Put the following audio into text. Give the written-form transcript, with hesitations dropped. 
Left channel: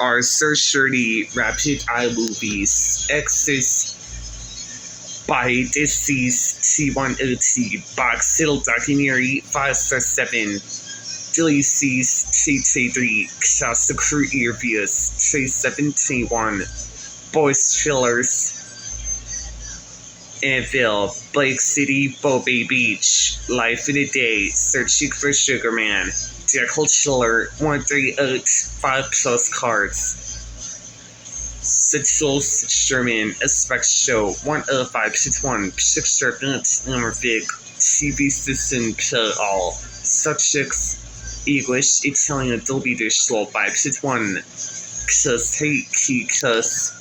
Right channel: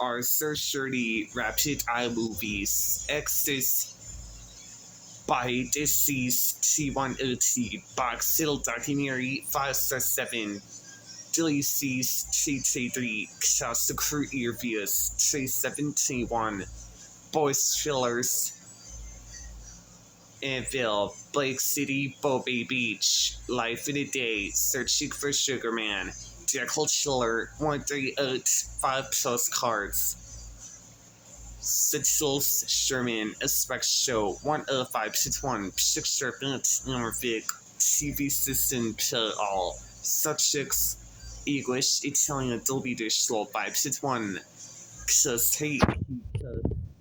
are surgery rapid eye movies. Access by deceased C1OT box Hill documentary 567. Deceased CT3 classic crew reviews 371. Boys Thrillers Anvil, Blake City, Bombay Beach, Life in a Day, Searching for Sugar Man, Theatrical Chiller, 138, 5 Postcards, Subtitles, Sherman, Aspect Show, 105.1, Picture Anamorphic, TV System All, Subjects, English, Italian, Dolby Digital, 5.1, Cause, Hey, Cause.